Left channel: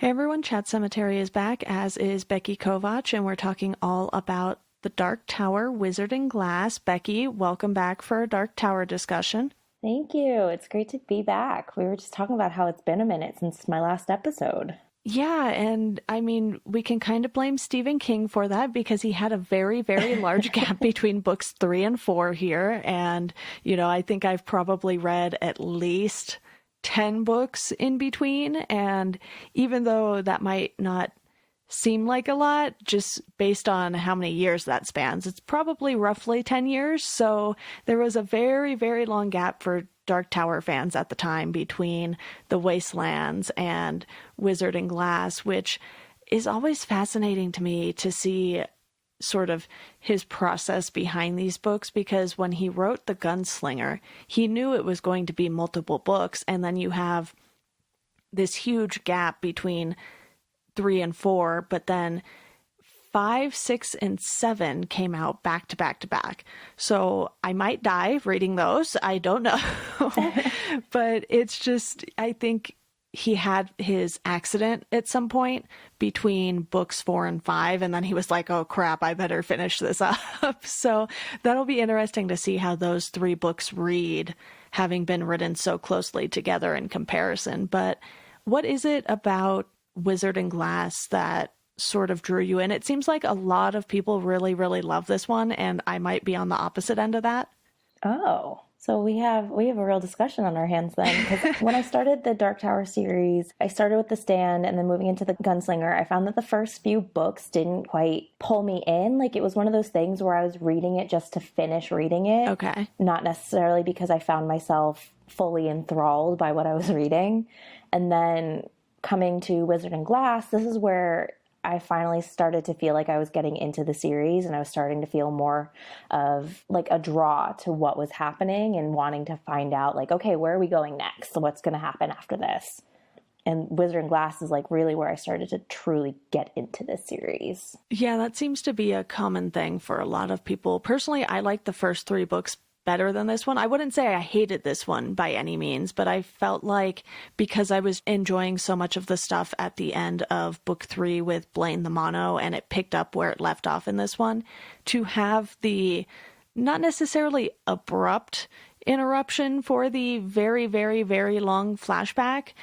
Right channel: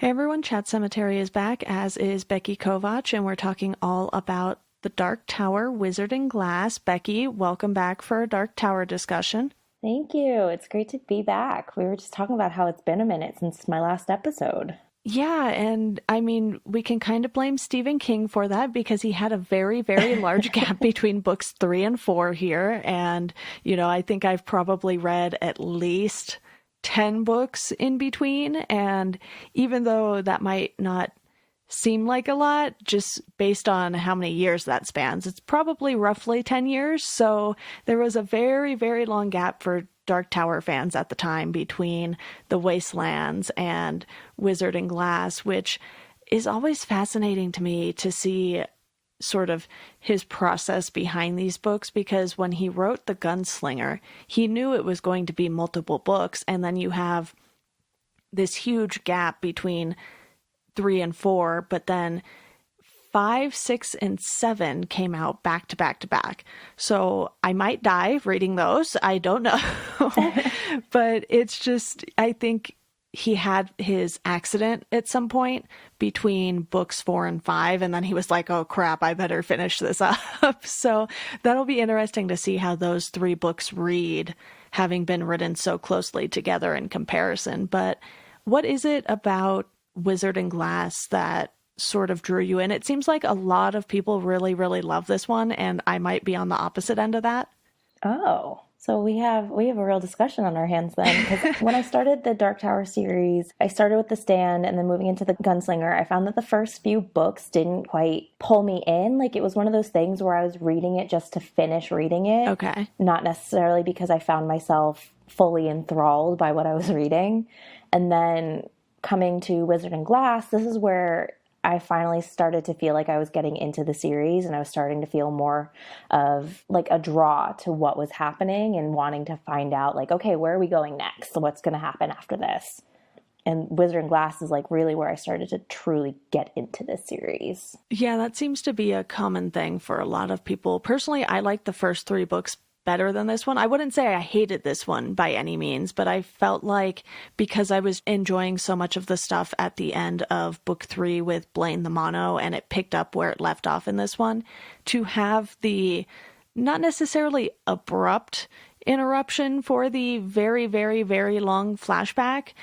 Hey everyone, Chat Sematary is back, as is Becky Kovach, and we're talking all about The Dark Tower, Wizard and Glass. Becky, welcome back for a Dark Tower discussion. Thank you. It's great to be back. We were just talking about how it's been a minute since my last episode. Yeah, and I mean, we can kind of blame Stephen King for that because he had a very, very large gap between books 3 and 4 here. And, I think I've probably read at least 10 books in between. And even though that might not seem like a lot, just based on how many years that spans, it's probably roughly 10 years. So there was a very, very long gap for Dark Tower fans at the time between The Wastelands and Wizard and Glass, which is always fascinating to me to see sort of his process behind these books, because when he wrote The Gunslinger, he knew it was going to be multiple books, and then you have this huge gap between 3 and 4, but then 5, 6, and 7 came out back to back to back. So I might die reading those. I don't know. But it's just, I think he had his accident at some point between books 4 and 5, and then he was like, oh crap, I better finish this up. So that'll be interesting to see how those 3 books read, having been written so closely together in comparison. But what is it about Wizard and Glass that sort of drew you in? It seems like a lot of people really, really love this one, and I might be on the opposite end of that. Oh, so we have a real discussion on our hands then. Because when I started the Dark Tower series, I started with The Stand and then moving into The Gunslinger. I found that the first few books didn't quite pull me in. Like, it was one of those things where I was reading it just to finish reading it. Okay. Not necessarily because I found myself fully enthralled by what I was reading. And then coming to Wizard and Glass, this is where I finally started to feel like I was getting into the series, and I was starting to feel more of like a draw to what was happening and wanting to find out, like, okay, where are we going next? So what's going to happen after this? And Wizard and Glass is like really where I started to truly get into this series. Yeah, that seems to be a common thing for a lot of people. Personally, I like the first 3 books better than this one. I wouldn't say I hated this one by any means, but I felt like because I was enjoying so much of the stuff at the end of book 3 with Blaine the Mono, and it picked up where it left off in this one, to have the not necessarily abrupt interruption for the very, very, very long flashback,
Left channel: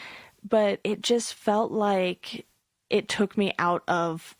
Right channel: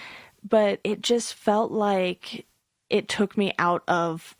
but it just felt like it took me out of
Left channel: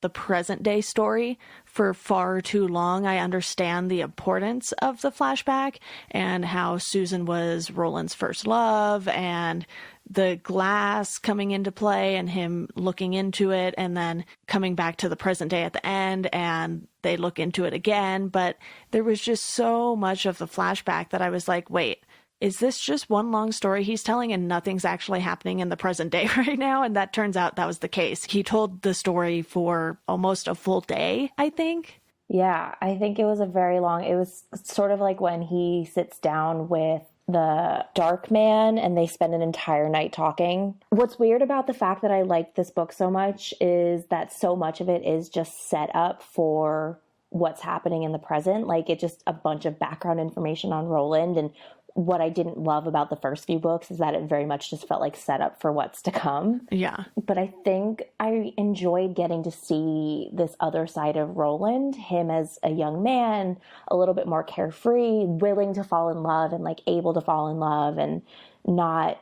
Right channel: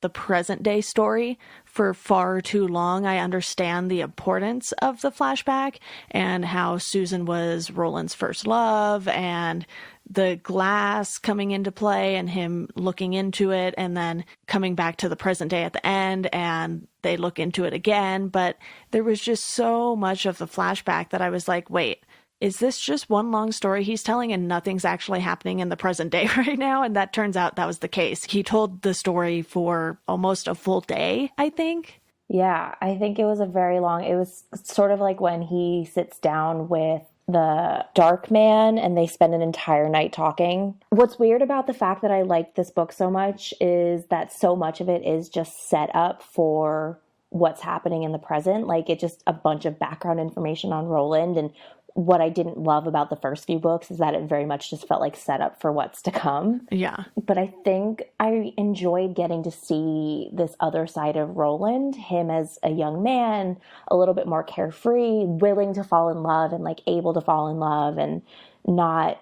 the present day story for far too long. I understand the importance of the flashback and how Susan was Roland's first love, and the glass coming into play and him looking into it, and then coming back to the present day at the end and they look into it again. But there was just so much of the flashback that I was like, wait, is this just one long story he's telling and nothing's actually happening in the present day right now? And that turns out that was the case. He told the story for almost a full day, I think. Yeah, I think it was it was sort of like when he sits down with the Dark Man and they spend an entire night talking. What's weird about the fact that I like this book so much is that so much of it is just set up for what's happening in the present. Like, it's just a bunch of background information on Roland. And what I didn't love about the first few books is that it very much just felt like set up for what's to come. Yeah. But I think I enjoyed getting to see this other side of Roland, him as a young man, a little bit more carefree, willing to fall in love and like able to fall in love and not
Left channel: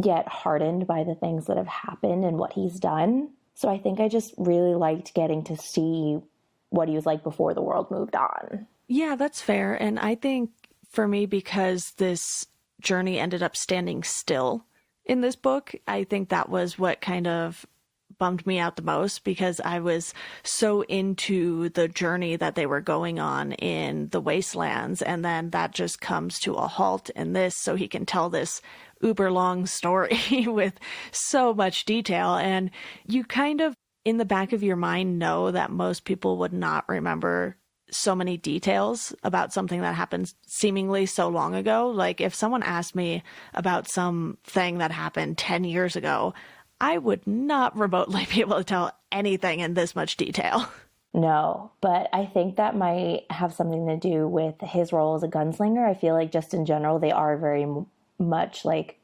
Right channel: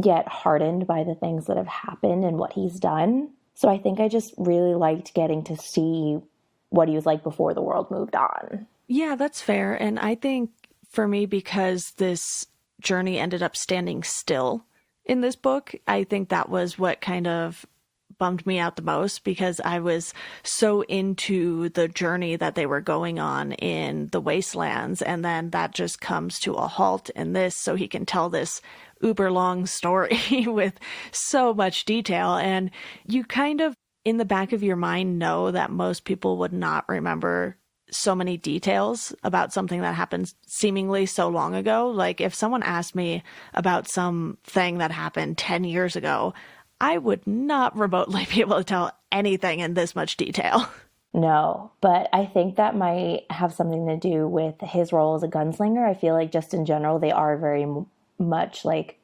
get hardened by the things that have happened and what he's done. So I think I just really liked getting to see what he was like before the world moved on. Yeah, that's fair. And I think for me, because this journey ended up standing still in this book, I think that was what kind of bummed me out the most, because I was so into the journey that they were going on in the Wastelands, and then that just comes to a halt in this, so he can tell this uber long story with so much detail. And you kind of, in the back of your mind, know that most people would not remember so many details about something that happened seemingly so long ago. Like, if someone asked me about something that happened 10 years ago, I would not remotely be able to tell anything in this much detail. No, but I think that might have something to do with his role as a gunslinger. I feel like just in general, they are very much like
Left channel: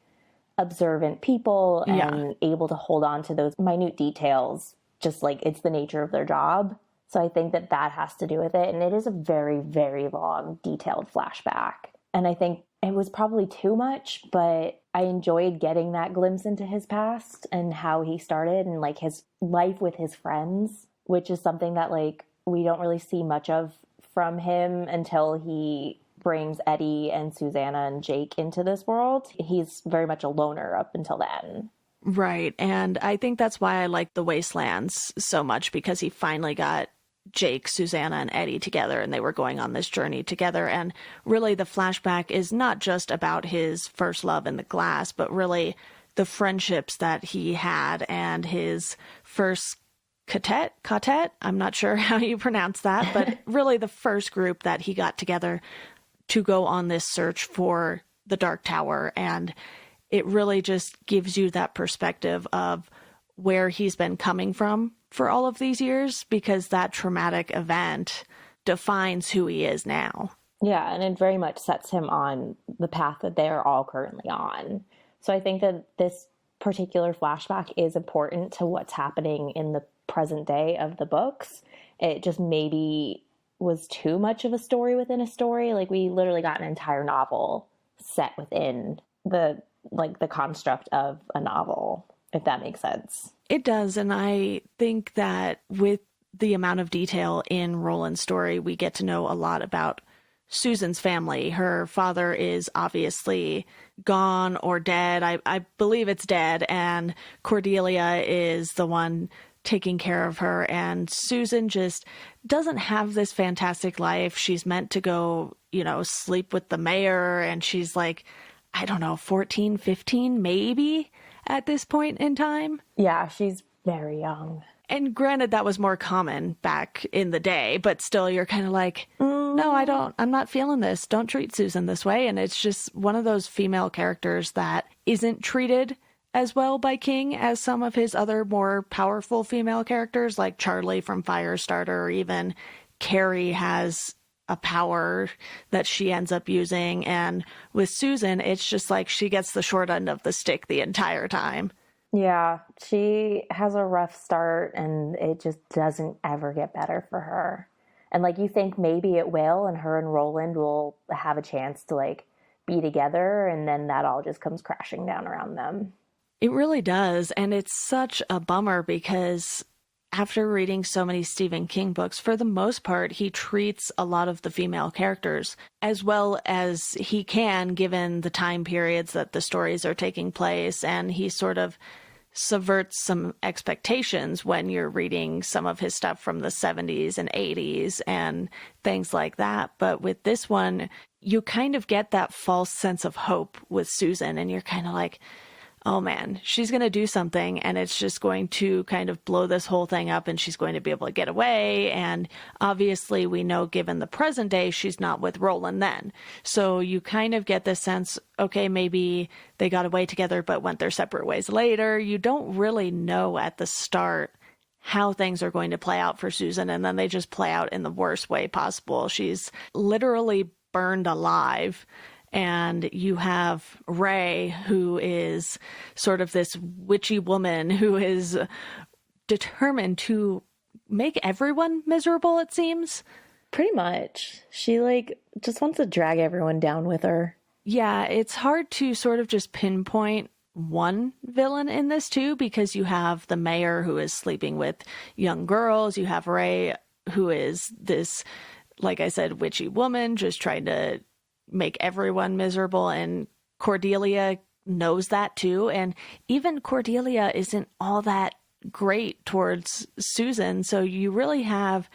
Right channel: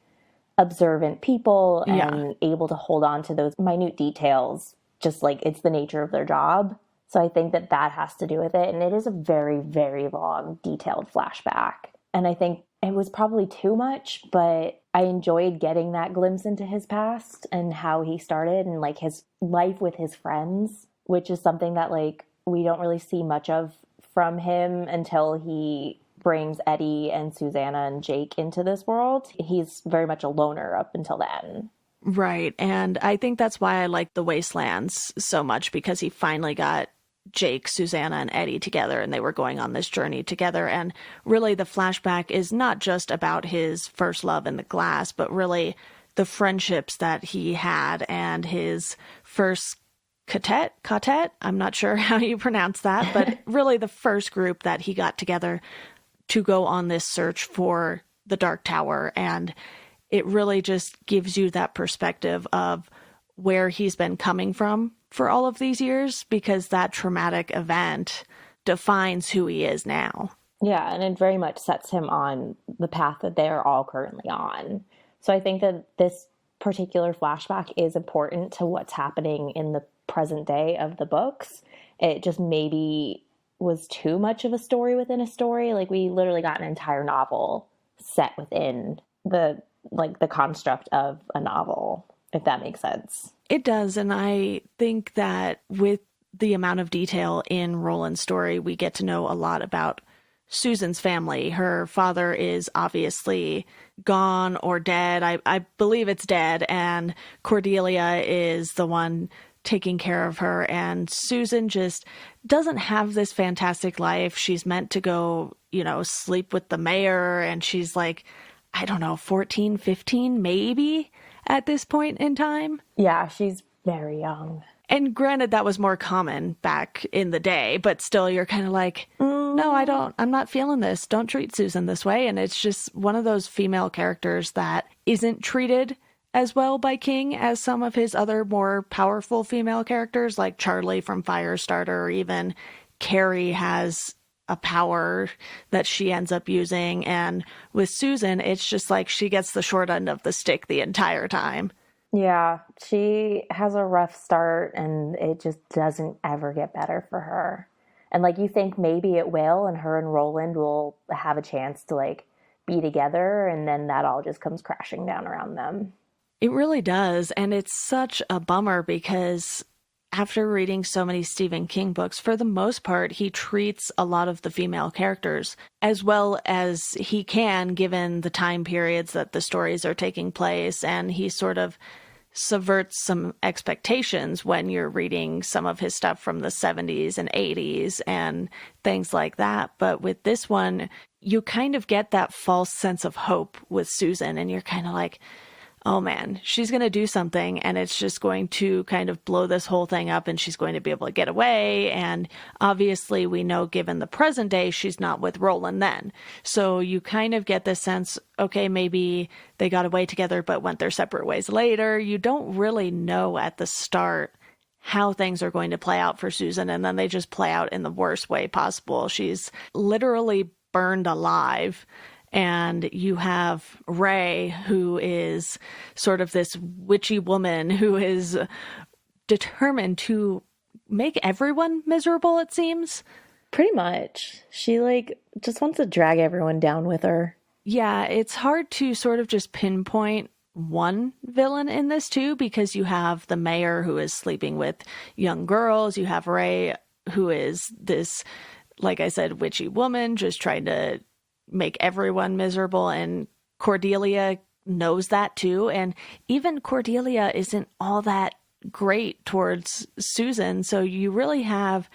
observant people Yeah. and able to hold on to those minute details, just like it's the nature of their job. So I think that that has to do with it. And it is a very, very long, detailed flashback. And I think it was probably too much, but I enjoyed getting that glimpse into his past and how he started and like his life with his friends, which is something that like we don't really see much of from him until he brings Eddie and Susanna and Jake into this world. He's very much a loner up until then. Right. And I think that's why I like the Wastelands so much, because he finally got Jake, Susanna, and Eddie together, and they were going on this journey together. And really, the flashback is not just about his first love in the glass, but really the friendships that he had and his first quartet. I'm not sure how you pronounce that, but really the first group that he got together to go on this search for the Dark Tower. And it really just gives you that perspective of where he's been coming from for all of these years, because that traumatic event defines who he is now. Yeah, and it very much sets him on the path that they're all currently on. So I think that this particular flashback is important to what's happening in the present day of the books. It just maybe was too much of a story within a story. Like we literally got an entire novel set within the construct of a novel, if that makes sense. It does, and I think that with the amount of detail in Roland's story, we get to know a lot about Susan's family. Her father is obviously gone or dead. I believe it's dead, and Cordelia is the one taking care of her, and Susan just doesn't have this fantastic life. She's meant to go, sleep with the mayor, and she's like, I don't know, 14, 15 maybe at this point in time. Yeah, she's very young. And granted, that was more common back in the day, but still you're kind of like, no, I'm not feeling this. Don't treat Susan this way. And it's just one of those female characters that isn't treated as well by King as some of his other more powerful female characters, like Charlie from Firestarter, or even Carrie has a power that she ends up using. And with Susan, it's just like she gets the short end of the stick the entire time. Yeah, she has a rough start and it just doesn't ever get better for her. And like you think maybe it will, and her and Roland will have a chance to like be together, and then that all just comes crashing down around them. It really does. And it's such a bummer because after reading so many Stephen King books, for the most part, he treats a lot of the female characters as well as he can, given the time periods that the stories are taking place. And he sort of subverts some expectations when you're reading some of his stuff from the 70s and 80s and things like that. But with this one, you kind of get that false sense of hope with Susan, and you're kind of like, oh man, she's going to do something and it's just going to kind of blow this whole thing up and she's going to be able to get away. And obviously we know, given the present day, she's not with Roland then. So you kind of get this sense, okay, maybe they got away together but went their separate ways later. You don't really know at the start how things are going to play out for Susan, and then they just play out in the worst way possible. She's literally burned alive. And you have Ray, who is sort of this witchy woman who is determined to make everyone miserable, it seems. Pretty much. She just wants to drag everyone down with her. Yeah, it's hard to sort of just pinpoint one villain in this too, because you have the mayor who is sleeping with young girls. You have Ray, who is this, like I said, witchy woman just trying to make everyone miserable, and Cordelia knows that too. And even Cordelia isn't all that great towards Susan. So you really have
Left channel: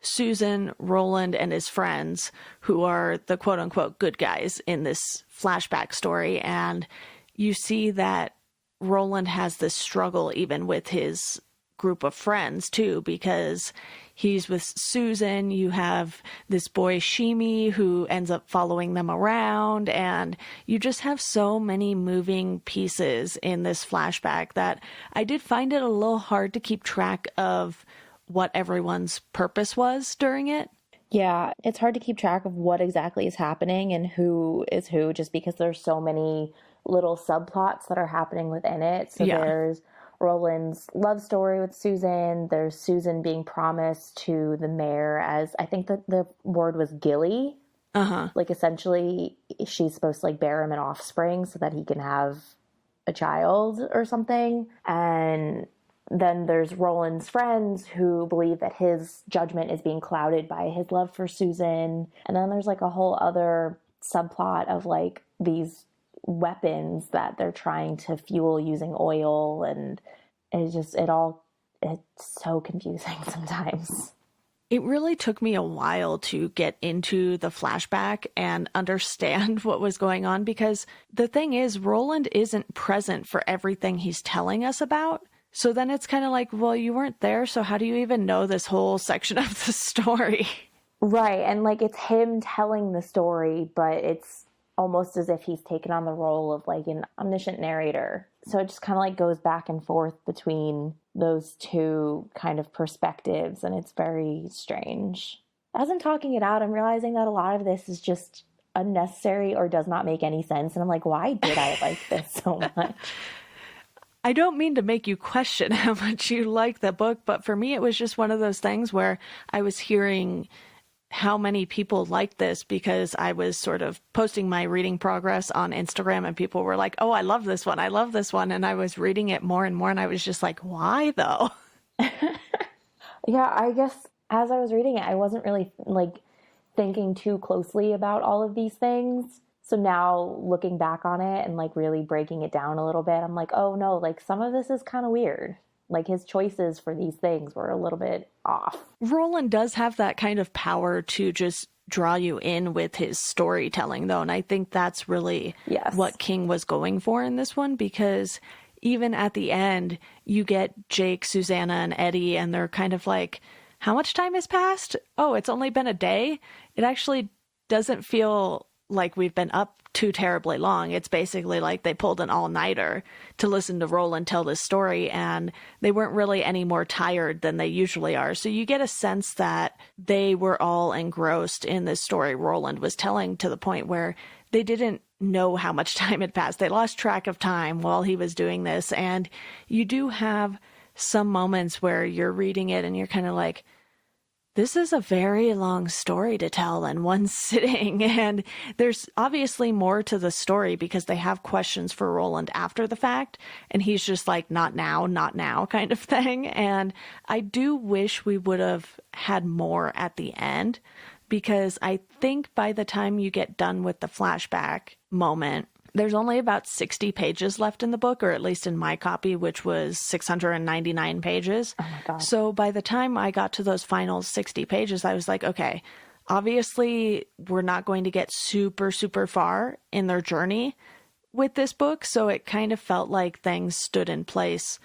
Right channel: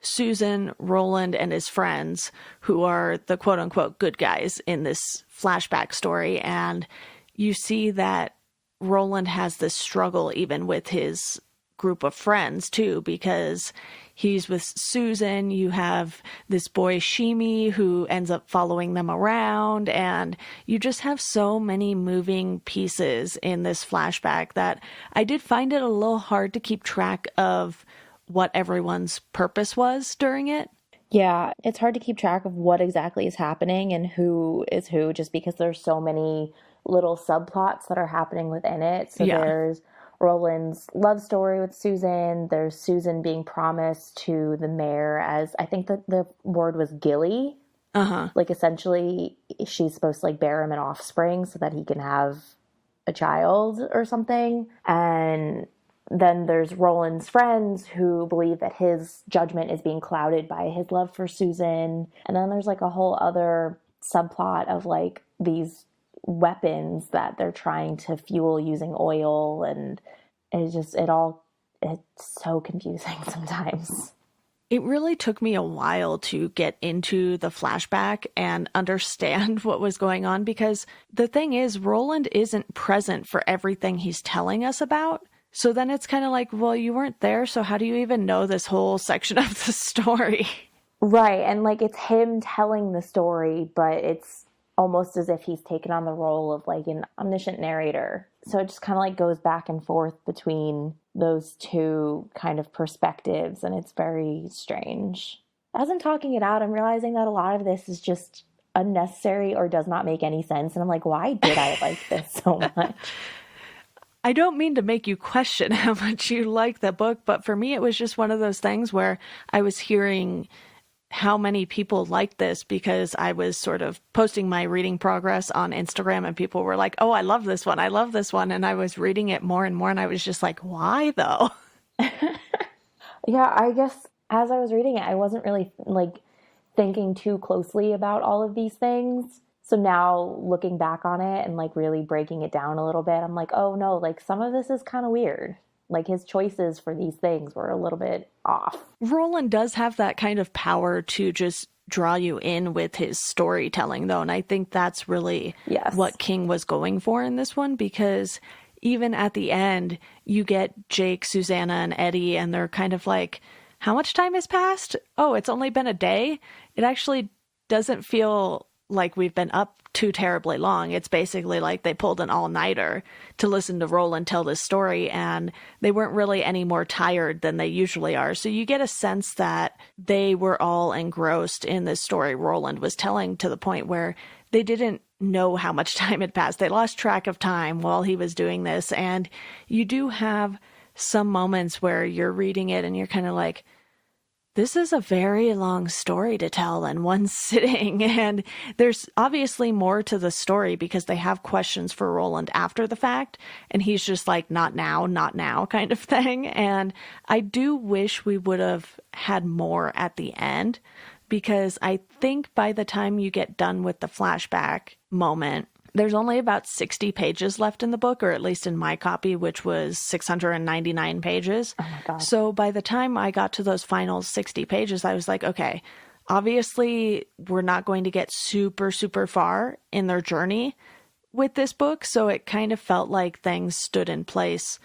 Susan, Roland, and his friends who are the quote unquote good guys in this flashback story. And you see that Roland has this struggle even with his group of friends too, because he's with Susan. You have this boy, Shimi, who ends up following them around. And you just have so many moving pieces in this flashback that I did find it a little hard to keep track of what everyone's purpose was during it. Yeah, it's hard to keep track of what exactly is happening and who is who, just because there's so many little subplots that are happening within it. So Yeah. there's Roland's love story with Susan. There's Susan being promised to the mayor as, I think that the word was Gilly. Uh-huh. Like, essentially, she's supposed to, like, bear him an offspring so that he can have a child or something. And then there's Roland's friends who believe that his judgment is being clouded by his love for Susan. And then there's, like, a whole other subplot of, like, these weapons that they're trying to fuel using oil. And it's so confusing sometimes. It really took me a while to get into the flashback and understand what was going on, because the thing is, Roland isn't present for everything he's telling us about. So then it's kind of like, well, you weren't there, so how do you even know this whole section of the story? Right, and like it's him telling the story, but it's almost as if he's taken on the role of like an omniscient narrator. So it just kind of like goes back and forth between those two kind of perspectives, and it's very strange. As I'm talking it out, I'm realizing that a lot of this is just unnecessary or does not make any sense. And I'm like, why did I like this so much? I don't mean to make you question how much you like the book, but for me, it was just one of those things where I was hearing how many people liked this because I was sort of posting my reading progress on Instagram and people were like, oh, I love this one. I love this one. And I was reading it more and more. And I was just like, why though? Yeah, I guess as I was reading it, I wasn't really like thinking too closely about all of these things. So now looking back on it and like really breaking it down a little bit, I'm like, oh no, like some of this is kind of weird. Like his choices for these things were a little bit off. Roland does have that kind of power to just draw you in with his storytelling, though. And I think that's really what King was going for in this one, because even at the end, you get Jake, Susanna, and Eddie, and they're kind of like, how much time has passed? Oh, it's only been a day? It actually doesn't feel like we've been up too terribly long. It's basically like they pulled an all-nighter to listen to Roland tell this story, and they weren't really any more tired than they usually are. So you get a sense that they were all engrossed in this story Roland was telling, to the point where they didn't know how much time had passed. They lost track of time while he was doing this. And you do have some moments where you're reading it and you're kind of like, this is a very long story to tell in one sitting. And there's obviously more to the story because they have questions for Roland after the fact. And he's just like, not now kind of thing. And I do wish we would have had more at the end, because I think by the time you get done with the flashback moment, there's only about 60 pages left in the book, or at least in my copy, which was 699 pages. Oh my God. So by the time I got to those final 60 pages, I was like, okay, obviously we're not going to get super, super far in their journey with this book. So it kind of felt like things stood in place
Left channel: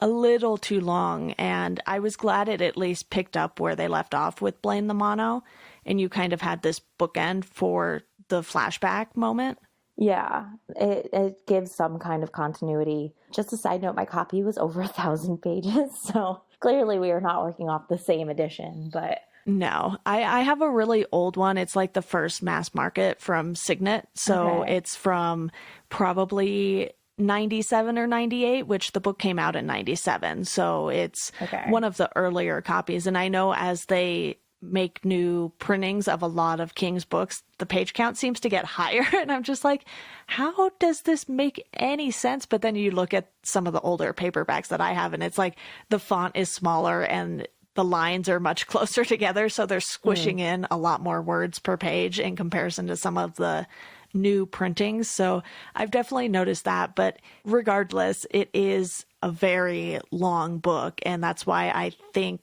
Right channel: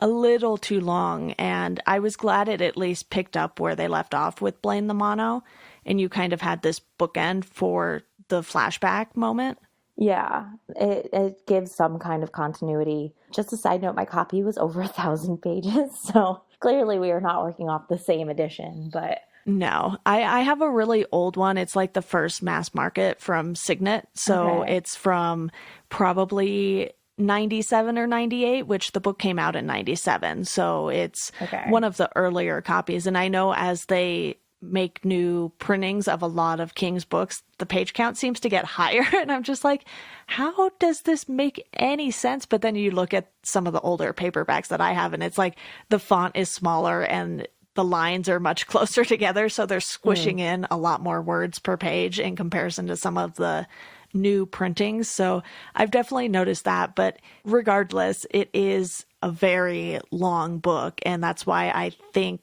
a little too long. And I was glad it at least picked up where they left off with Blame the Mono. And you kind of had this bookend for the flashback moment. Yeah, it gives some kind of continuity. Just a side note, my copy was over 1,000 pages, so clearly we are not working off the same edition, but... No, I have a really old one. It's like the first mass market from Signet, so It's from probably 97 or 98, which the book came out in 97, so it's one of the earlier copies. And I know as they make new printings of a lot of King's books, the page count seems to get higher. And I'm just like, how does this make any sense? But then you look at some of the older paperbacks that I have, and it's like the font is smaller and the lines are much closer together. So they're squishing in a lot more words per page in comparison to some of the new printings. So I've definitely noticed that. But regardless, it is a very long book. And that's why I think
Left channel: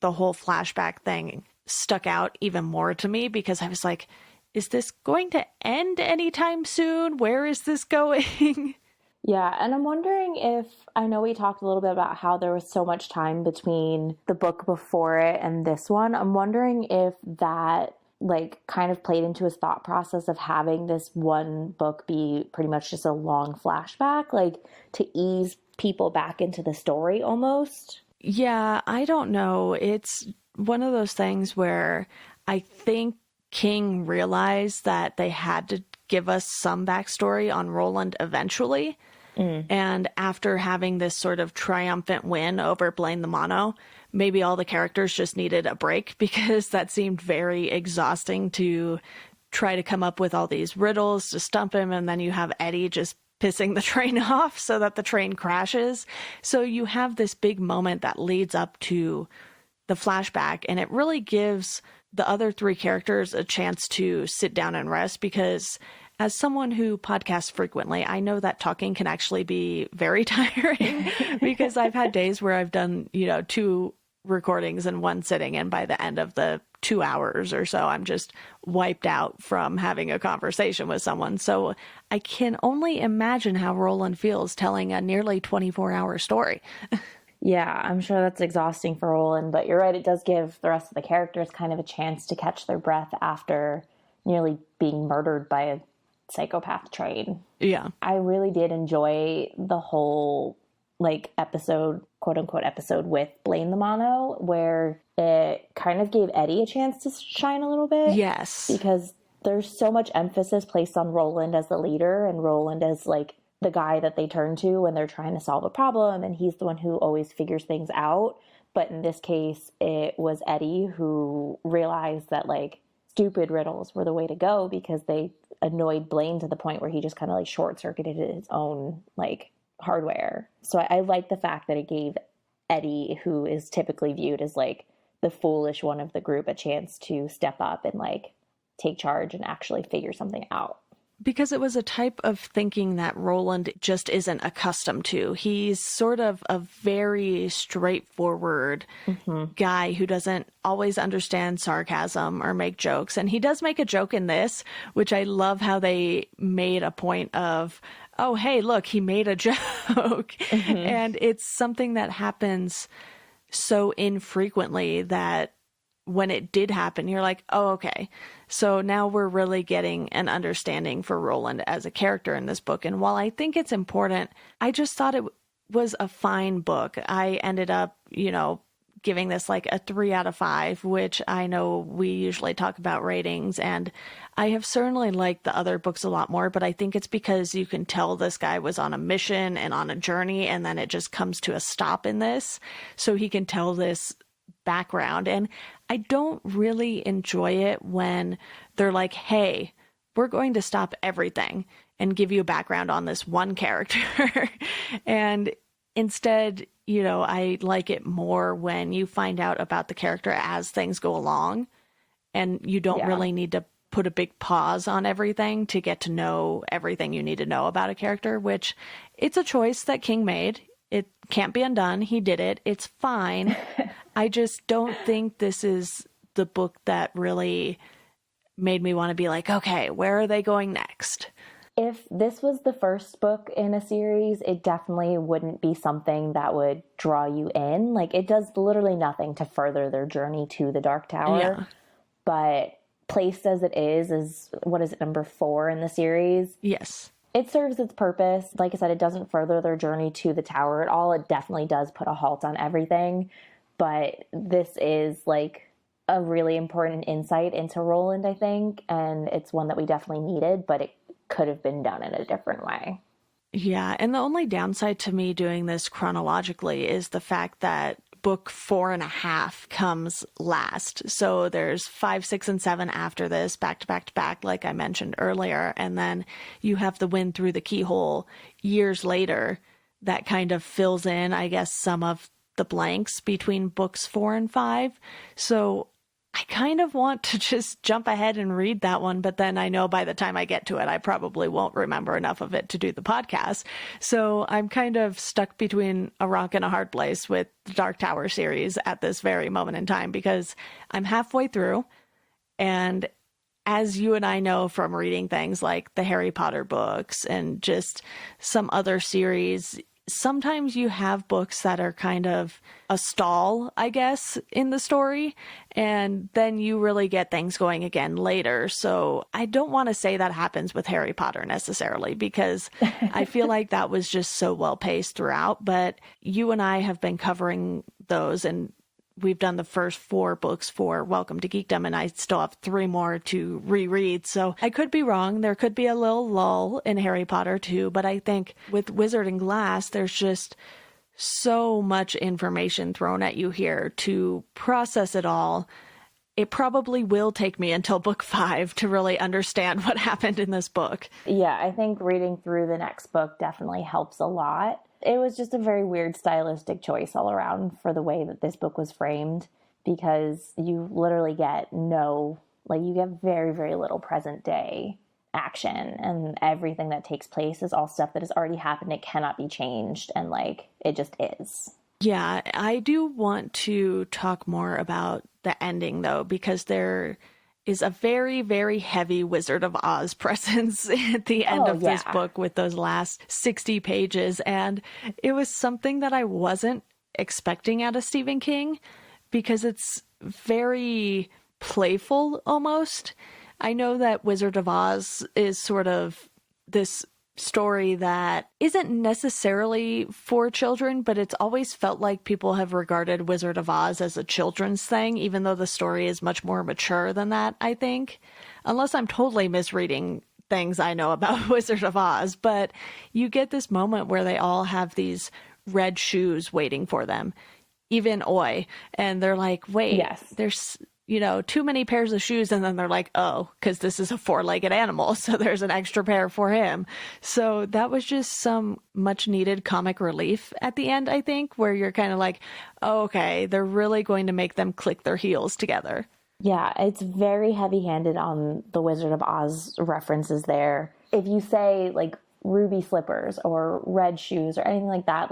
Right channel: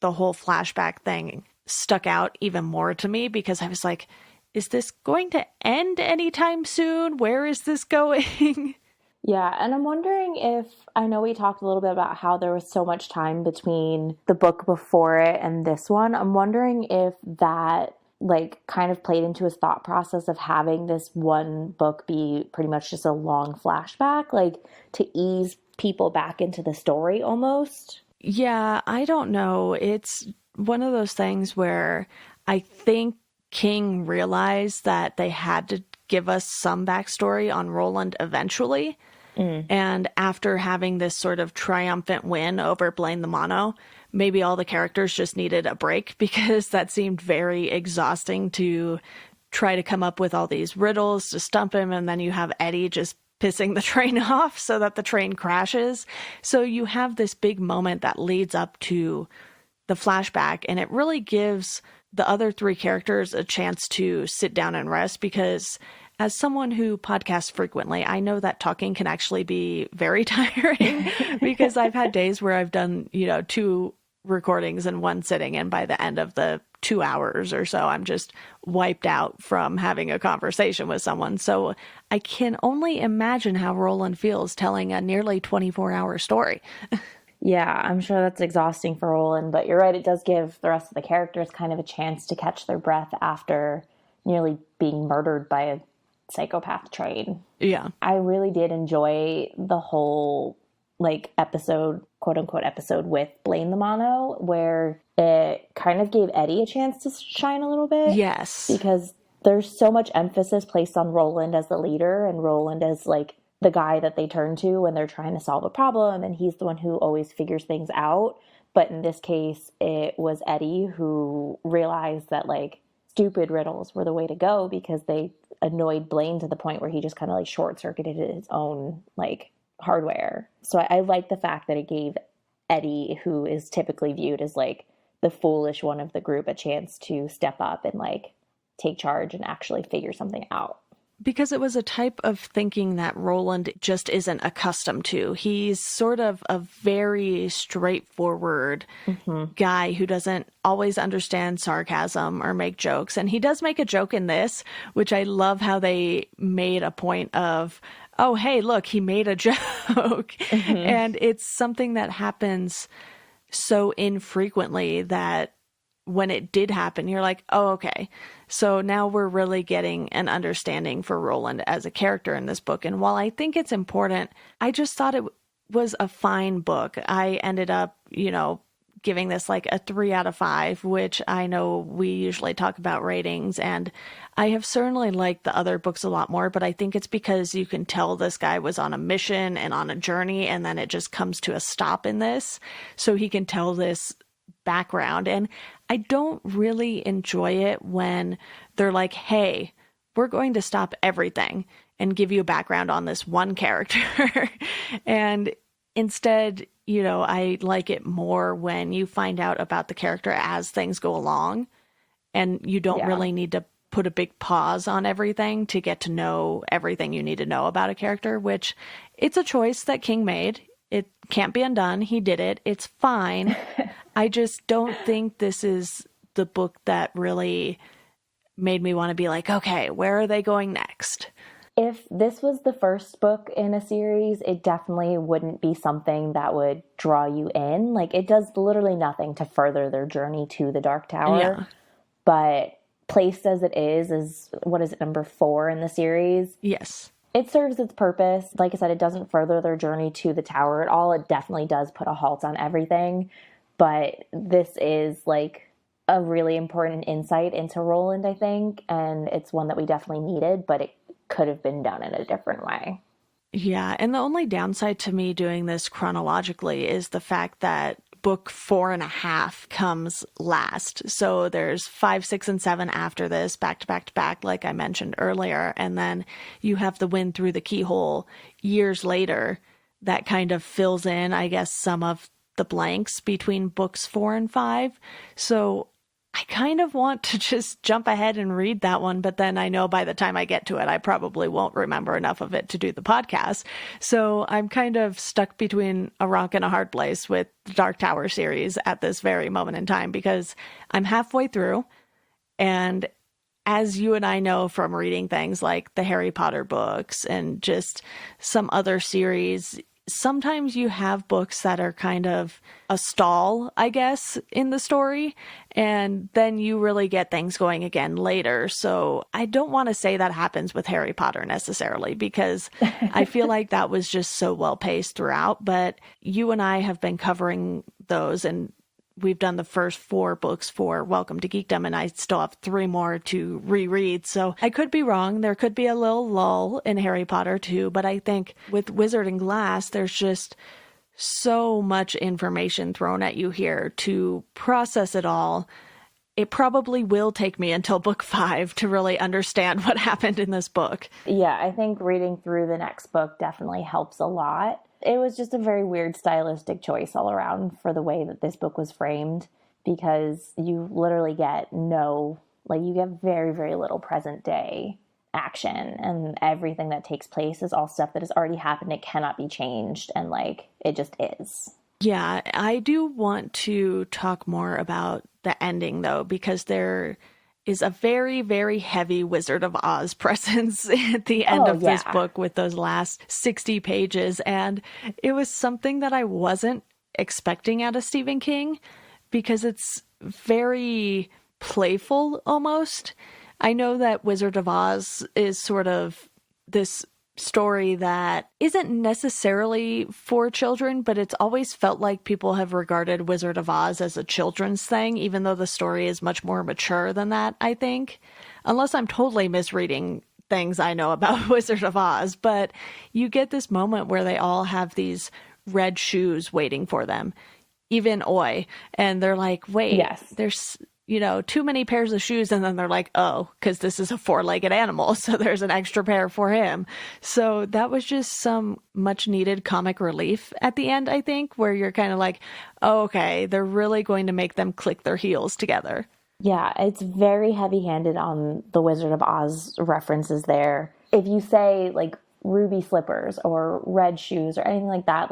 the whole flashback thing stuck out even more to me, because I was like, is this going to end anytime soon? Where is this going? Yeah, and I'm wondering if, I know we talked a little bit about how there was so much time between the book before it and this one. I'm wondering if that like kind of played into his thought process of having this one book be pretty much just a long flashback, like to ease people back into the story almost. Yeah, I don't know. It's one of those things where I think King realized that they had to give us some backstory on Roland eventually. And after having this sort of triumphant win over Blaine the Mono, maybe all the characters just needed a break, because that seemed very exhausting to try to come up with all these riddles to stump him. And then you have Eddie just pissing the train off so that the train crashes. So you have this big moment that leads up to the flashback, and it really gives the other three characters a chance to sit down and rest, because as someone who podcasts frequently, I know that talking can actually be very tiring because I've had days where I've done, 2 recordings in one sitting, and by the end of the 2 hours or so, I'm just wiped out from having a conversation with someone. So I can only imagine how Roland feels telling a nearly 24-hour story. Yeah, I'm sure that's exhausting for Roland, but you're right, it does give the rest of the characters kind of a chance to catch their breath after nearly being murdered by a psychopath train. Yeah. I really did enjoy the whole episode, quote unquote episode with Blaine the Mono, where it kind of gave Eddie a chance to shine a little bit. Yes. Because there's so much emphasis placed on Roland as the leader, and Roland as the guy that they turn to when they're trying to solve a problem, and he's the one who always figures things out. But in this case, it was Eddie who realized that stupid riddles were the way to go, because they annoyed Blaine to the point where he just kind of short-circuited his own hardware. So I like the fact that it gave Eddie, who is typically viewed as the foolish one of the group, a chance to step up and take charge and actually figure something out. Because it was a type of thinking that Roland just isn't accustomed to. He's sort of a very straightforward guy who doesn't always understand sarcasm or make jokes. And he does make a joke in this, which I love how they made a point of, oh, hey, look, he made a joke. And it's something that happens so infrequently that when it did happen, you're like, oh, okay. So now we're really getting an understanding for Roland as a character in this book. And while I think it's important, I just thought it was a fine book. I ended up, giving this a 3 out of 5, which I know we usually talk about ratings. And I have certainly liked the other books a lot more, but I think it's because you can tell this guy was on a mission and on a journey, and then it just comes to a stop in this. So he can tell this background. And I don't really enjoy it when they're like, hey, we're going to stop everything and give you a background on this one character. And instead, I like it more when you find out about the character as things go along, and you don't really need to put a big pause on everything to get to know everything you need to know about a character, which it's a choice that King made. It can't be undone. He did it. It's fine. I just don't think this is the book that really made me want to be like, okay, where are they going next? If this was the first book in a series, it definitely wouldn't be something that would draw you in. It does literally nothing to further their journey to the Dark Tower. Yeah. But placed as it is, what is it, number 4 in the series? Yes. It serves its purpose. Like I said, it doesn't further their journey to the tower at all. It definitely does put a halt on everything. But this is a really important insight into Roland, I think. And it's one that we definitely needed, but it could have been done in a different way. Yeah. And the only downside to me doing this chronologically is the fact that book 4.5 comes last. So there's 5, 6, and 7 after this, back to back to back, like I mentioned earlier. And then you have the Wind Through the Keyhole years later that kind of fills in, I guess, some of the blanks between books 4 and 5. So I kind of want to just jump ahead and read that one, but then I know by the time I get to it, I probably won't remember enough of it to do the podcast. So I'm kind of stuck between a rock and a hard place with the Dark Tower series at this very moment in time, because I'm halfway through, and as you and I know from reading things like the Harry Potter books and just some other series, sometimes you have books that are kind of a stall, I guess, in the story, and then you really get things going again later. So I don't want to say that happens with Harry Potter necessarily, because I feel like that was just so well paced throughout. But you and I have been covering those, and we've done the first 4 books for Welcome to Geekdom, and I still have 3 more to reread. So I could be wrong. There could be a little lull in Harry Potter too, but I think with Wizard and Glass, there's just so much information thrown at you here to process it all. It probably will take me until book 5 to really understand what happened in this book. Yeah, I think reading through the next book definitely helps a lot. It was just a very weird stylistic choice all around for the way that this book was framed, because you literally get you get very, very little present day action, and everything that takes place is all stuff that has already happened. It cannot be changed, and it just is. Yeah, I do want to talk more about the ending, though, because there is a very, very heavy Wizard of Oz presence at the end of this book with those last 60 pages. And it was something that I wasn't expecting out of Stephen King, because it's very playful almost. I know that Wizard of Oz is sort of this story that isn't necessarily for children, but it's always felt like people have regarded Wizard of Oz as a children's thing, even though the story is much more mature than that, I think. Unless I'm totally misreading things I know about Wizard of Oz, but you get this moment where they all have these red shoes waiting for them, even Oi, and they're like, wait, yes, there's too many pairs of shoes. And then they're like, oh, because this is a 4-legged animal, so there's an extra pair for him. So that was just some much needed comic relief at the end, I think, where you're kind of like, oh, okay, they're really going to make them click their heels together. Yeah, it's very heavy-handed on the Wizard of Oz references there. If you say ruby slippers or red shoes or anything like that,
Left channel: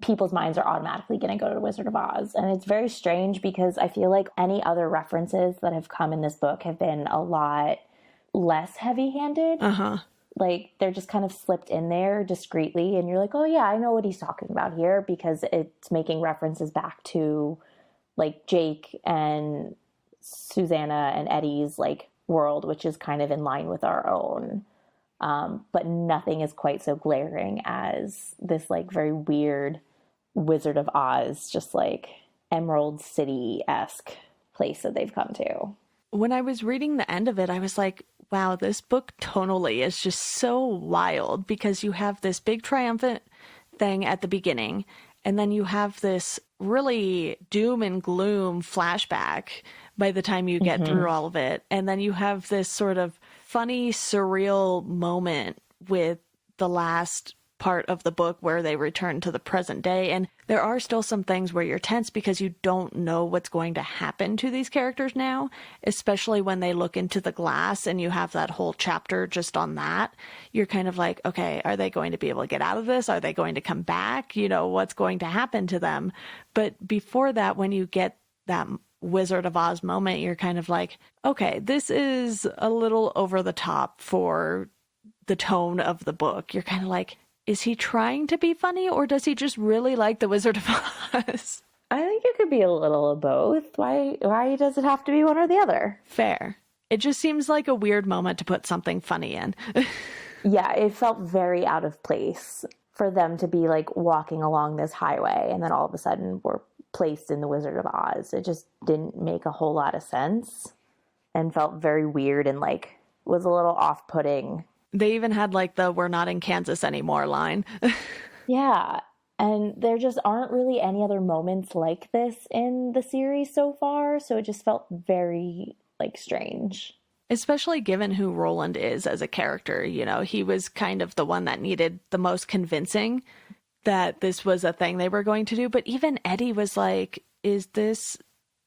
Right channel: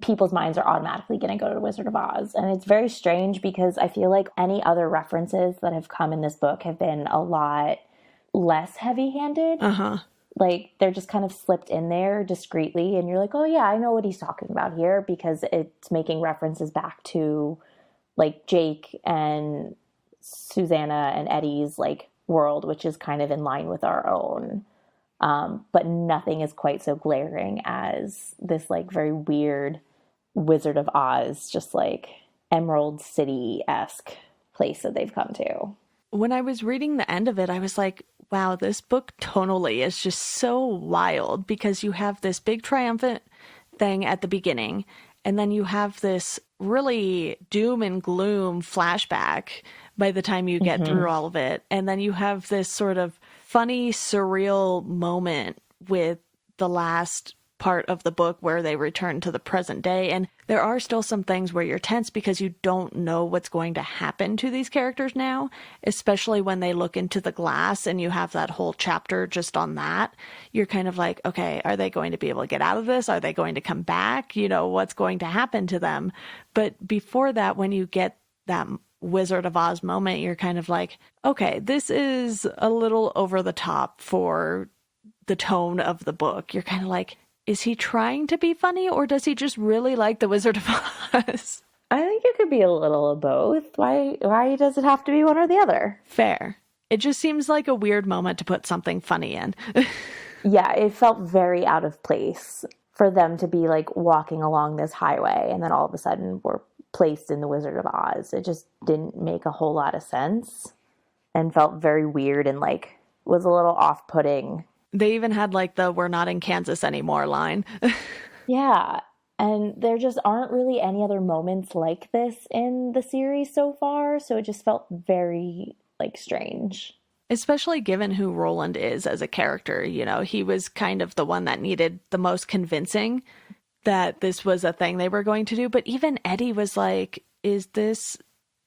people's minds are automatically going to go to Wizard of Oz. And it's very strange, because I feel like any other references that have come in this book have been a lot less heavy-handed. They're just kind of slipped in there discreetly, and you're like, oh yeah, I know what he's talking about here, because it's making references back to Jake and Susanna and Eddie's world, which is kind of in line with our own. But nothing is quite so glaring as this very weird Wizard of Oz, just Emerald City-esque place that they've come to. When I was reading the end of it, I was like, wow, this book tonally is just so wild, because you have this big triumphant thing at the beginning, and then you have this really doom and gloom flashback by the time you get through all of it. And then you have this sort of funny, surreal moment with the last part of the book where they return to the present day. And there are still some things where you're tense, because you don't know what's going to happen to these characters now, especially when they look into the glass and you have that whole chapter just on that. You're kind of like, okay, are they going to be able to get out of this? Are they going to come back? What's going to happen to them? But before that, when you get that Wizard of Oz moment, you're kind of like, okay, this is a little over the top for the tone of the book. You're kind of like, is he trying to be funny, or does he just really like the Wizard of Oz? I think it could be a little of both. Why does it have to be one or the other? Fair. It just seems like a weird moment to put something funny in. Yeah, it felt very out of place for them to be walking along this highway, and then all of a sudden we're placed in the Wizard of Oz. It just didn't make a whole lot of sense, and felt very weird, and was a little off-putting. They even had the "we're not in Kansas anymore" line. Yeah, and there just aren't really any other moments like this in the series so far, so it just felt very strange. Especially given who Roland is as a character. He was kind of the one that needed the most convincing that this was a thing they were going to do. But even Eddie was like, is this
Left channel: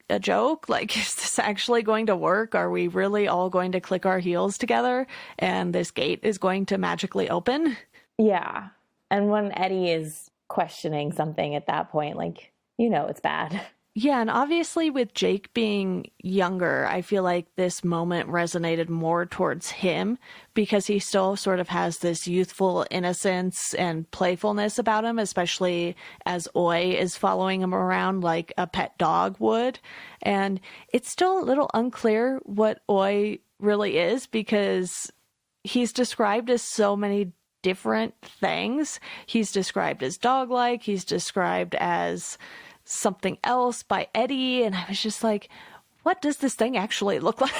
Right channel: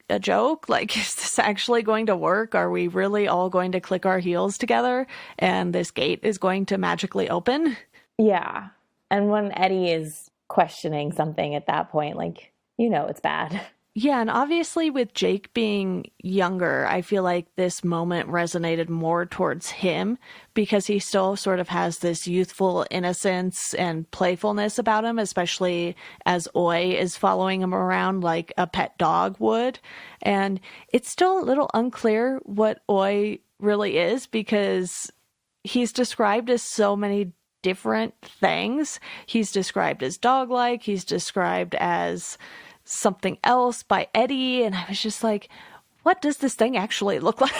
a joke? Is this actually going to work? Are we really all going to click our heels together and this gate is going to magically open? Yeah. And when Eddie is questioning something at that point, it's bad. Yeah, and obviously with Jake being younger, I feel like this moment resonated more towards him, because he still sort of has this youthful innocence and playfulness about him, especially as Oi is following him around like a pet dog would. And it's still a little unclear what Oi really is, because he's described as so many different things. He's described as dog-like, he's described as something else by Eddie. And I was just like, what does this thing actually look like?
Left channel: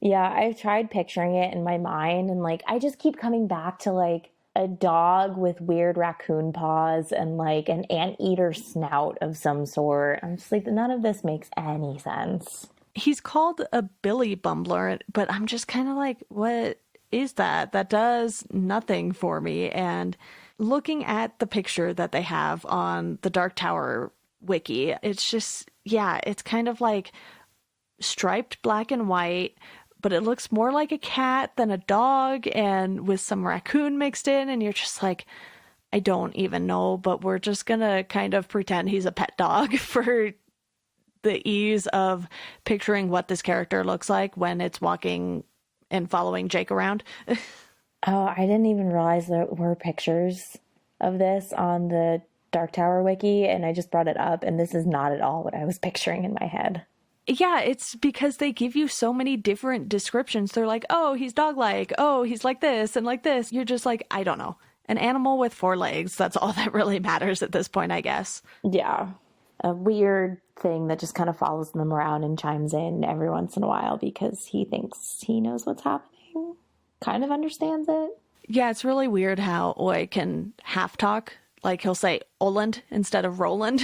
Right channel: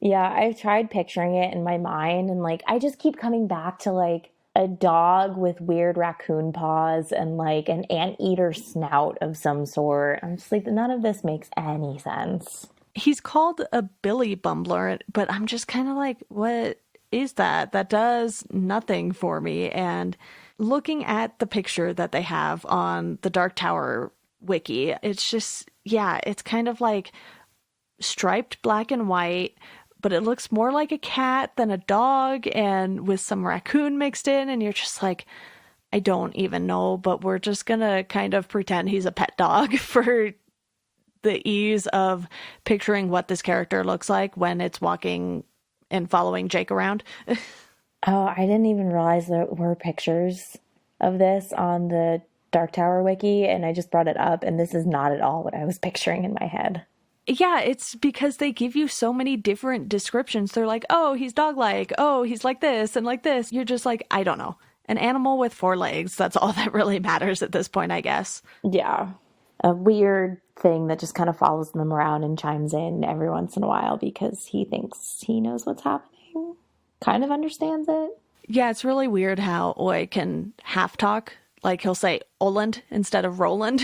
Yeah, I've tried picturing it in my mind, and like I just keep coming back to like a dog with weird raccoon paws and like an anteater snout of some sort. I'm just like, none of this makes any sense. He's called a Billy Bumbler, but I'm just kind of like, what is that? That does nothing for me. And looking at the picture that they have on the Dark Tower wiki, it's just, yeah, it's kind of like striped black and white, but it looks more like a cat than a dog, and with some raccoon mixed in, and you're just like, I don't even know, but we're just gonna kind of pretend he's a pet dog for the ease of picturing what this character looks like when it's walking and following Jake around. Oh, I didn't even realize there were pictures of this on the Dark Tower wiki, and I just brought it up, and this is not at all what I was picturing in my head. Yeah, it's because they give you so many different descriptions. They're like, oh, he's dog-like. Oh, he's like this and like this. You're just like, I don't know. An animal with 4 legs. That's all that really matters at this point, I guess. Yeah. A weird thing that just kind of follows them around and chimes in every once in a while because he thinks he knows what's happening. Kind of understands it. Yeah, it's really weird how Oi can half talk. Like he'll say Oland instead of Roland.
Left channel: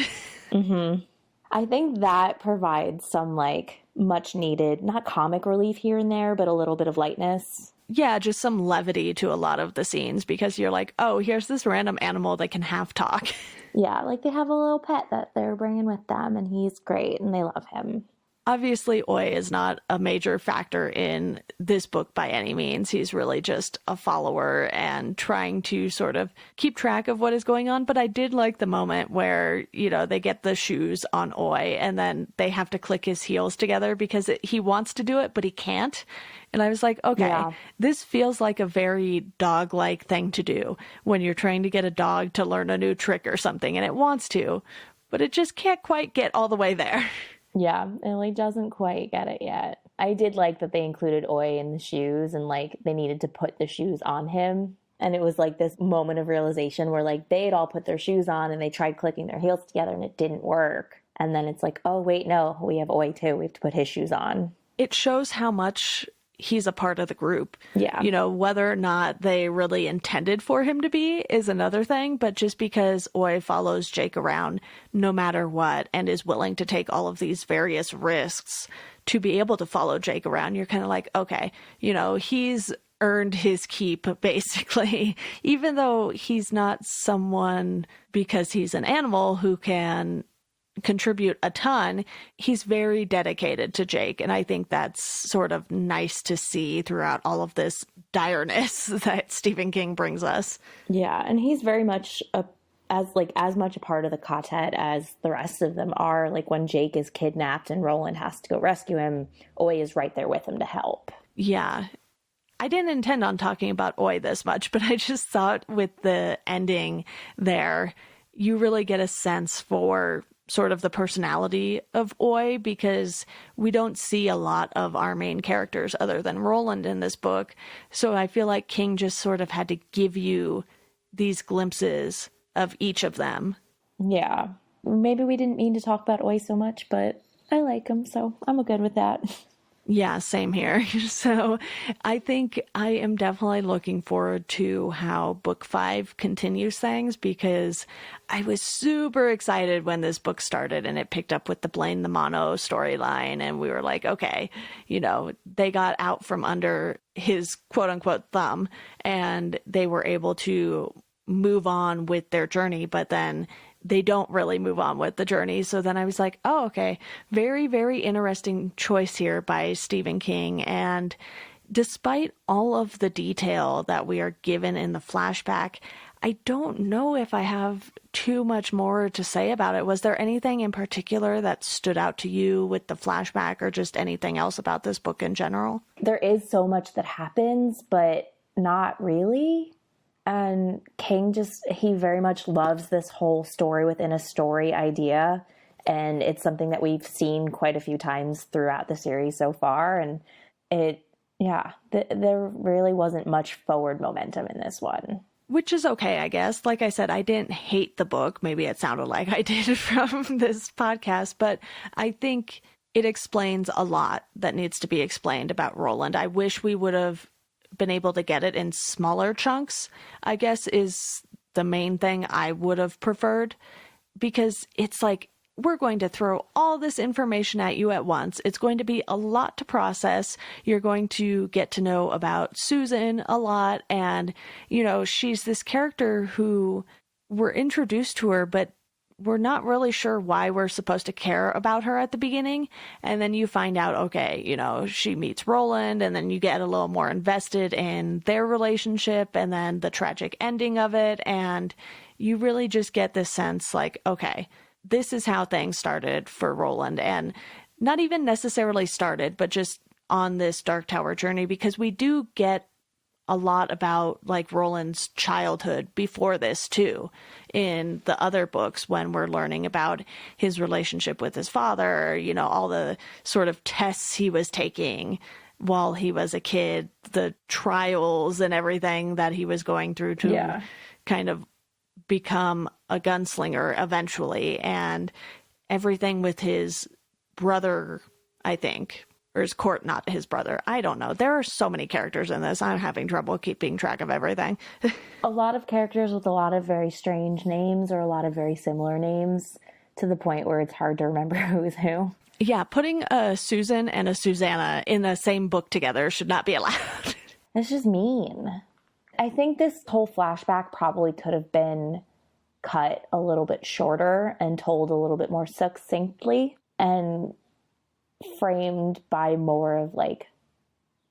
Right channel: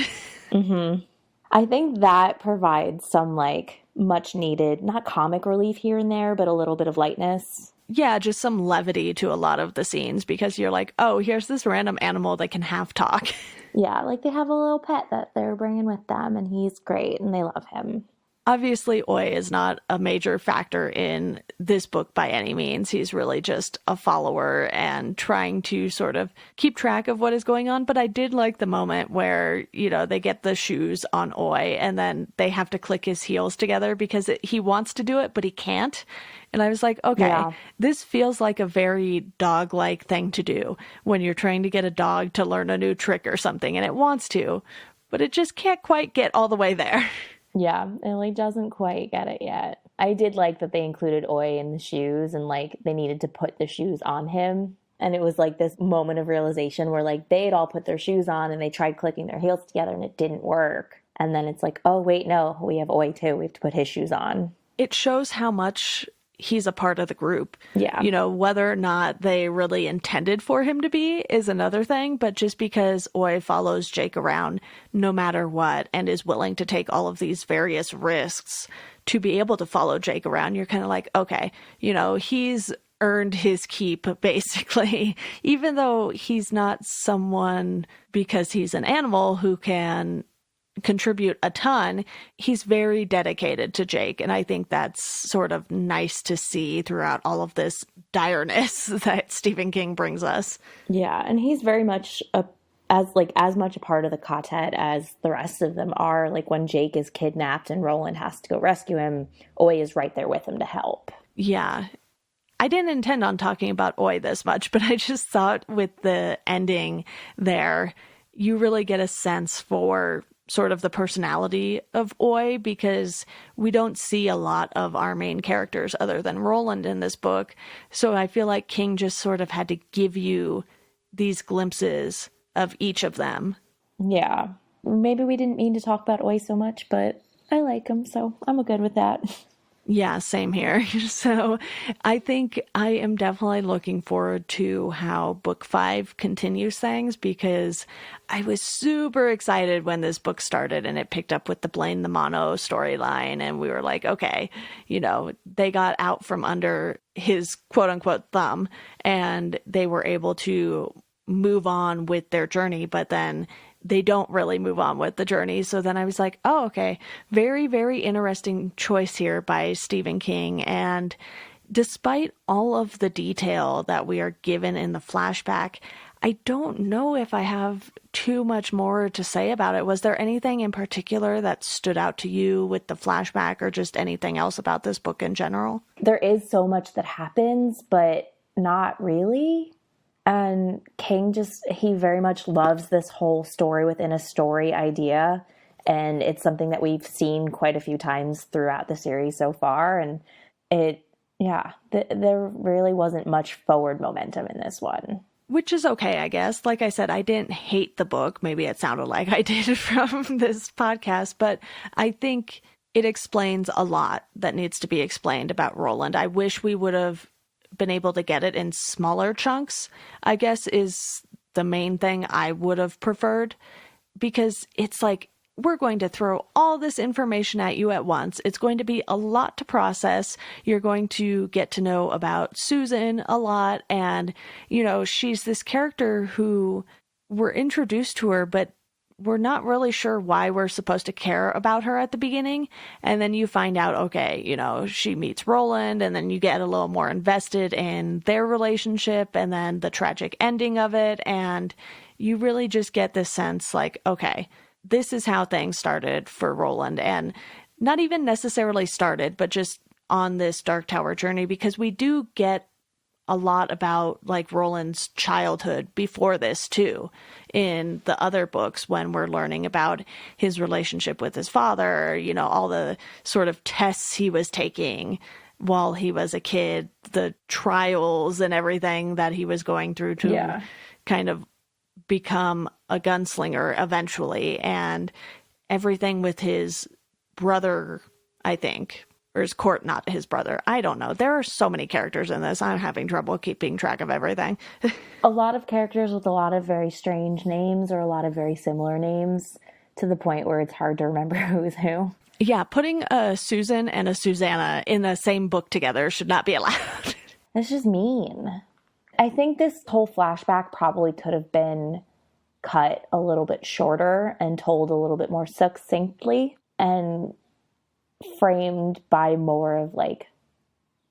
Mm-hmm. I think that provides some like much needed, not comic relief here and there, but a little bit of lightness. Yeah, just some levity to a lot of the scenes because you're like, oh, here's this random animal that can half talk. Yeah, like they have a little pet that they're bringing with them and he's great and they love him. Obviously, Oi is not a major factor in this book by any means. He's really just a follower and trying to sort of keep track of what is going on. But I did like the moment where, you know, they get the shoes on Oi and then they have to click his heels together because he wants to do it, but he can't. And I was like, okay, yeah. This feels like a very dog-like thing to do when you're trying to get a dog to learn a new trick or something, and it wants to, but it just can't quite get all the way there. Yeah, it like doesn't quite get it yet. I did like that they included Oi in the shoes and like they needed to put the shoes on him. And it was like this moment of realization where like they'd all put their shoes on and they tried clicking their heels together and it didn't work. And then it's like, oh, wait, no, we have Oi too. We have to put his shoes on. It shows how much he's a part of the group. Yeah. You know, whether or not they really intended for him to be is another thing, but just because Oi follows Jake around no matter what and is willing to take all of these various risks to be able to follow Jake around, you're kind of like, okay, you know, he's earned his keep, basically, even though he's not someone because he's an animal who can contribute a ton. He's very dedicated to Jake, and I think that's sort of nice to see throughout all of this direness that Stephen King brings us. Yeah, and he's very much as much a part of the quartet as the rest of them are. Like when Jake is kidnapped and Roland has to go rescue him, Oi is right there with him to help. Yeah. I didn't intend on talking about Oi this much, but I just thought with the ending there, you really get a sense for sort of the personality of Oi, because we don't see a lot of our main characters other than Roland in this book. So I feel like King just sort of had to give you these glimpses of each of them. Yeah. Maybe we didn't mean to talk about Oi so much, but I like him, so I'm good with that. Yeah, same here. So I think I am definitely looking forward to how book 5 continues things, because I was super excited when this book started and it picked up with the Blaine the Mono storyline. And we were like, okay, you know, they got out from under his quote unquote thumb and they were able to move on with their journey, but then they don't really move on with the journey. So then I was like, oh, okay, very, very interesting choice here by Stephen King. And despite all of the detail that we are given in the flashback, I don't know if I have too much more to say about it. Was there anything in particular that stood out to you with the flashback, or just anything else about this book in general? There is so much that happens, but not really. And King he very much loves this whole story within a story idea. And it's something that we've seen quite a few times throughout the series so far. And there really wasn't much forward momentum in this one. which is okay, I guess. Like I said, I didn't hate the book. Maybe it sounded like I did from this podcast, but I think it explains a lot that needs to be explained about Roland. I wish we would have been able to get it in smaller chunks, I guess, is the main thing I would have preferred, because it's like, we're going to throw all this information at you at once. It's going to be a lot to process. You're going to get to know about Susan a lot. And, you know, she's this character who we're introduced to her, but we're not really sure why we're supposed to care about her at the beginning. And then you find out, okay, you know, she meets Roland, and then you get a little more invested in their relationship and then the tragic ending of it. And you really just get this sense like, okay, this is how things started for Roland, and not even necessarily started, but just on this Dark Tower journey, because we do get a lot about like Roland's childhood before this too, in the other books, when we're learning about his relationship with his father, you know, all the sort of tests he was taking while he was a kid, the trials and everything that he was going through to kind of become a gunslinger eventually, and everything with his brother, I think, or his court, not his brother. I don't know. There are so many characters in this. I'm having trouble keeping track of everything. A lot of characters with a lot of very strange names, or a lot of very similar names, to the point where it's hard to remember who's who. Yeah, putting a Susan and a Susanna in the same book together should not be allowed. It's just mean. I think this whole flashback probably could have been cut a little bit shorter and told a little bit more succinctly and framed by more of like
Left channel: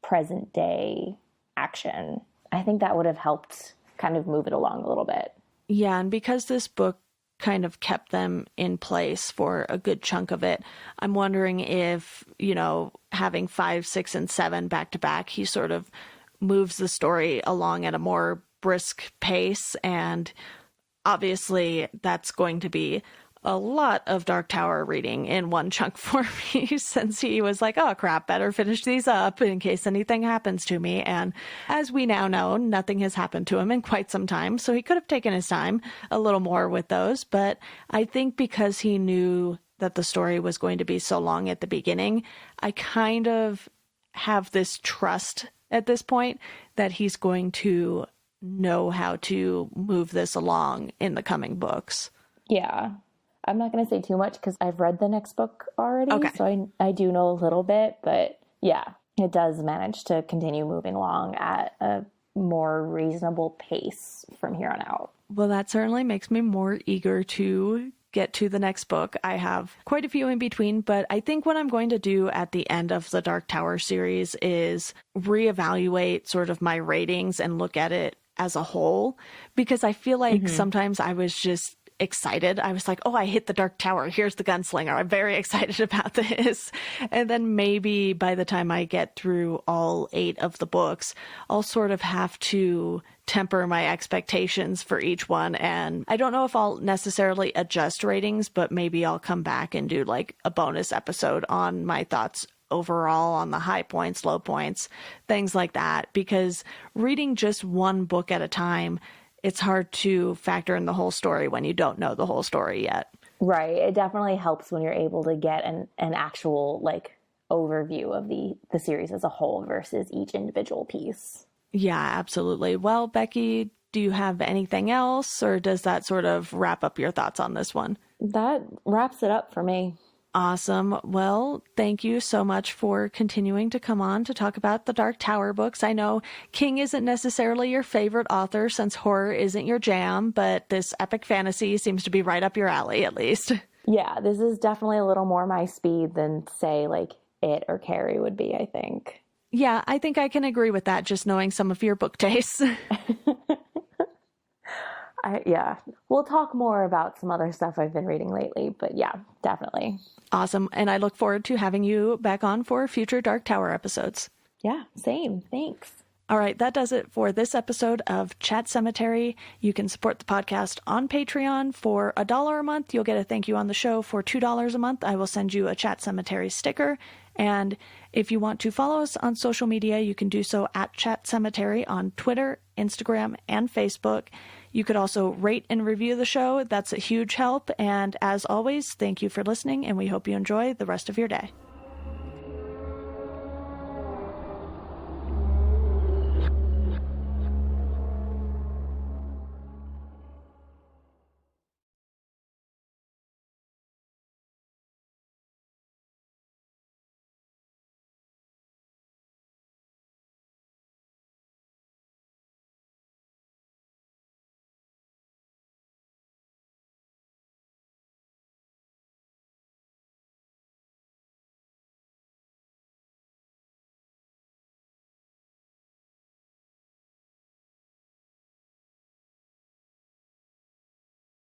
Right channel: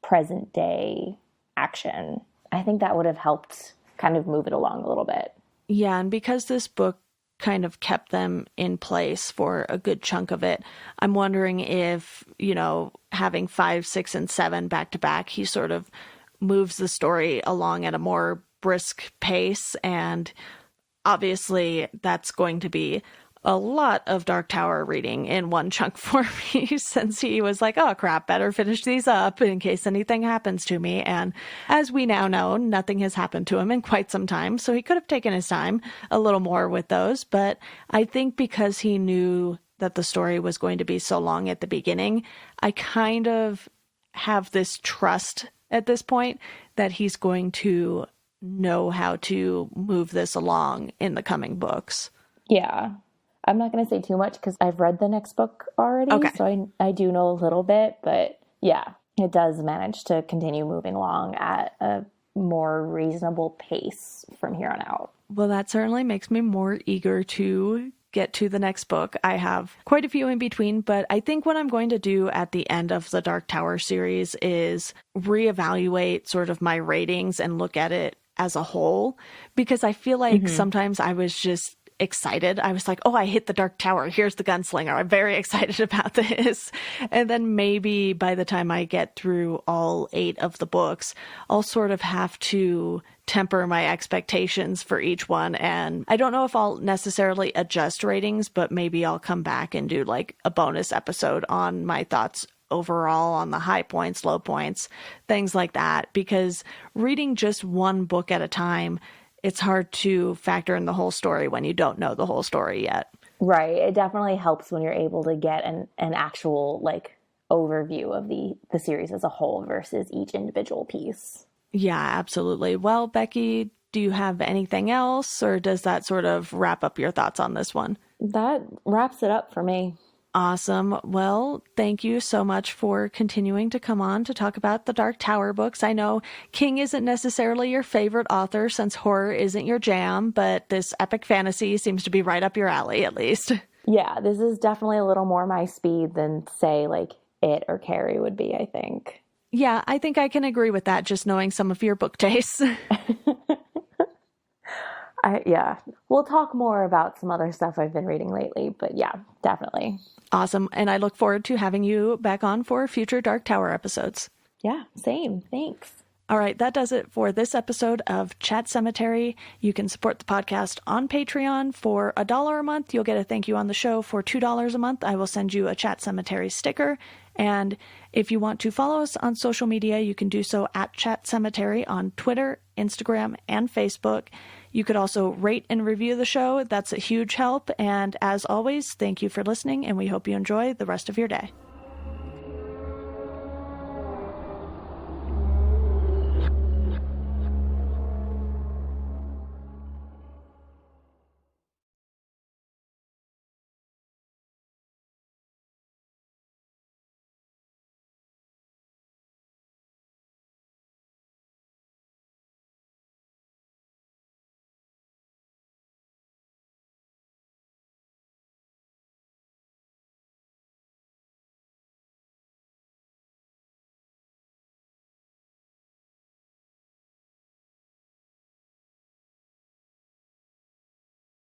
present day action. I think that would have helped kind of move it along a little bit. Yeah, and because this book kind of kept them in place for a good chunk of it, I'm wondering if, you know, having 5, 6, and 7 back to back, he sort of moves the story along at a more brisk pace. And obviously that's going to be a lot of Dark Tower reading in one chunk for me, since he was like, oh crap, better finish these up in case anything happens to me. And as we now know, nothing has happened to him in quite some time, so he could have taken his time a little more with those. But I think because he knew that the story was going to be so long at the beginning, I kind of have this trust at this point that he's going to know how to move this along in the coming books. Yeah. I'm not going to say too much because I've read the next book already, okay. So I do know a little bit, but yeah, it does manage to continue moving along at a more reasonable pace from here on out. Well, that certainly makes me more eager to get to the next book. I have quite a few in between, but I think what I'm going to do at the end of the Dark Tower series is reevaluate sort of my ratings and look at it as a whole, because I feel like sometimes I was just excited. I was like, oh, I hit the Dark Tower. Here's the gunslinger. I'm very excited about this. And then maybe by the time I get through all 8 of the books, I'll sort of have to temper my expectations for each one. And I don't know if I'll necessarily adjust ratings, but maybe I'll come back and do like a bonus episode on my thoughts overall on the high points, low points, things like that. Because reading just one book at a time, it's hard to factor in the whole story when you don't know the whole story yet. Right. It definitely helps when you're able to get an actual like overview of the series as a whole versus each individual piece. Yeah, absolutely. Well, Becky, do you have anything else, or does that sort of wrap up your thoughts on this one? That wraps it up for me. Awesome. Well, thank you so much for continuing to come on to talk about the Dark Tower books. I know King isn't necessarily your favorite author since horror isn't your jam, but this epic fantasy seems to be right up your alley, at least. Yeah, this is definitely a little more my speed than, say, like It or Carrie would be, I think. Yeah, I think I can agree with that, just knowing some of your book tastes. Yeah, we'll talk more about some other stuff I've been reading lately, but yeah, definitely. Awesome. And I look forward to having you back on for future Dark Tower episodes. Yeah, same. Thanks. All right, that does it for this episode of Chat Sematary. You can support the podcast on Patreon for $1 a month. You'll get a thank you on the show. For $2 a month, I will send you a Chat Sematary sticker. And if you want to follow us on social media, you can do so at Chat Sematary on Twitter, Instagram, and Facebook. You could also rate and review the show. That's a huge help. And as always, thank you for listening, and we hope you enjoy the rest of your day.